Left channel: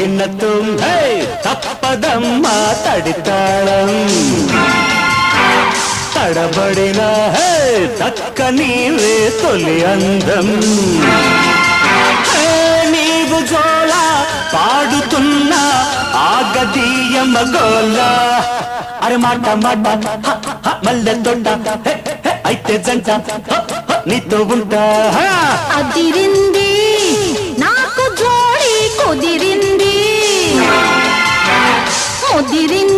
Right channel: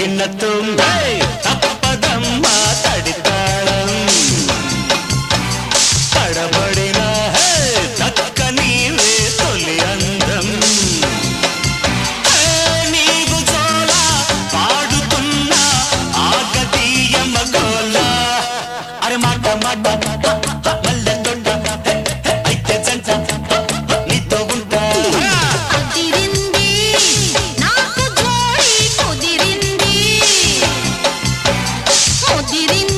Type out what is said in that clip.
తగినట్టు తప్పదమ్మా తడితాళం తడబడిన దక్కనీవే తొలి అందం నీవు జోల పాడుతున్నా ఆగదీయ మగోల అరే మాట మాట మల్లె తొట్ట అయితే జంట నీతో ఉంటా అదిరింది నాకు జోడి కుదిరింది ముదిరింది